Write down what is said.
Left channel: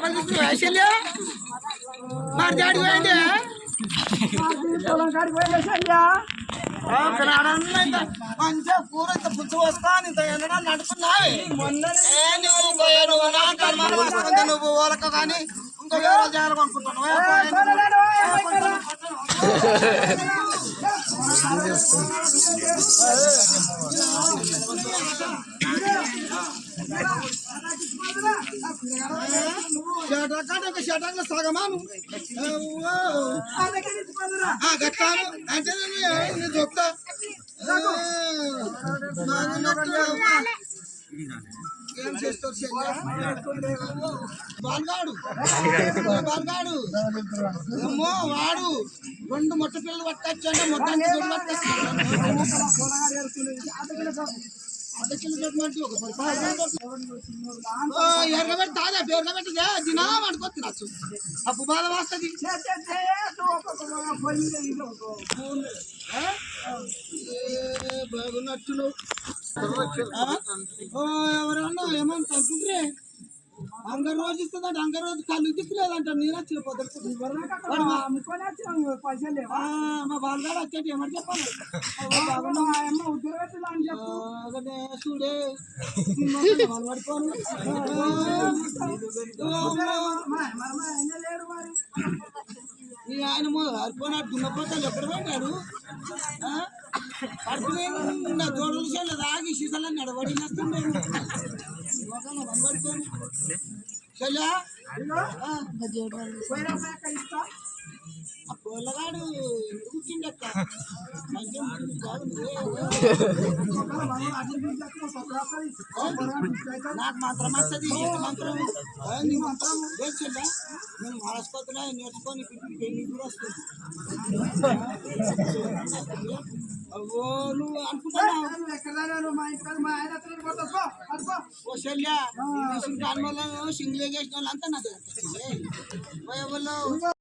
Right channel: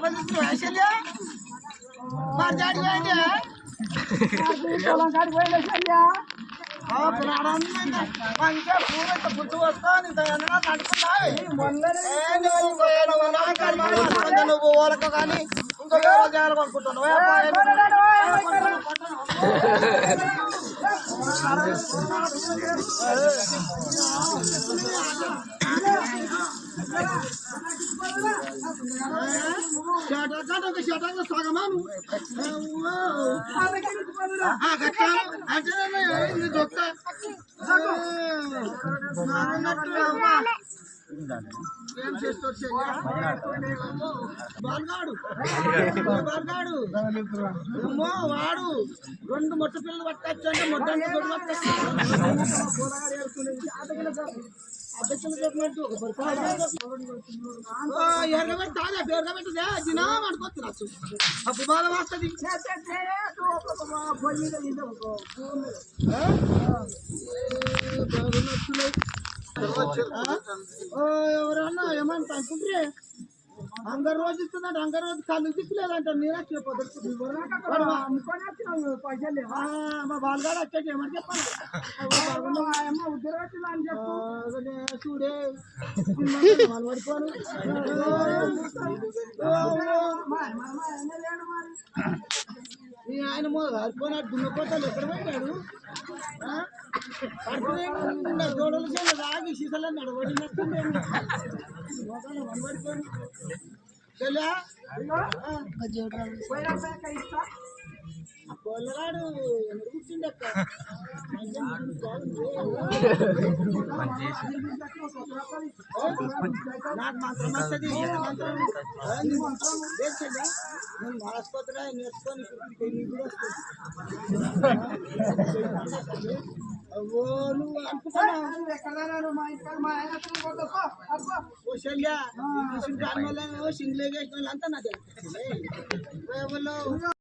చేపలు తీసుకుని వేసలే మరి జాడికి పోయింది మంచిగా కూర ఇంత పుచ్చు వస్తా ఇంత నడుపుతున్నావు నువ్వు ఓలక కానీ ఇంకా వేరే జాగ్రత్త కొనుక్కుంటున్నావు షటాక్ సగమాను అంటే దొక్క ఏం చేస్తారు బాల్గాడు బాల్గాడు ఏమో వాడు 2 మొట్ట పిల్లలు పట్టచ్చు అంటే మొట్టానికి ఎర్రబెట్టి తాదా ఎర్రబెట్టిదే దినా పడుకోవచ్చు రాసు అప్పు బాధ వస్తుంది బాగున్నట్టులే ఎవరన్నా ఏమంటా అనుకుంటే అంగర్ రోజు ఇస్తుందంట అంగర్ రోజు కళ్ళు దిక్కులేదంట నేను వచ్చిన పొద్దు మా బాలుగాడు వచ్చేటి ఏమని చెప్పాను చూడే పడిపోను ఆయన హరిపోయినాడు దున్నపోతాడు ఎక్కడ పెట్టాడు నా జోడలు చేయాలి రాగి సీసాలని నడవడి చేస్తుండేది పడిపోను పొల్లగాడు ఎందుకు కూర్చుండక్క నాకు మంత్రం వస్తుంది మంత్రం తెలుసా నేను ఆసుపత్రిలో నేర్చుకొని పెళ్లి కూడా వస్తుంది అవ్వో నువ్వు అనుకుంటున్నావు ఓ శల్య సింగ్లేజ్ వేసిన వాళ్ళంతా నాకు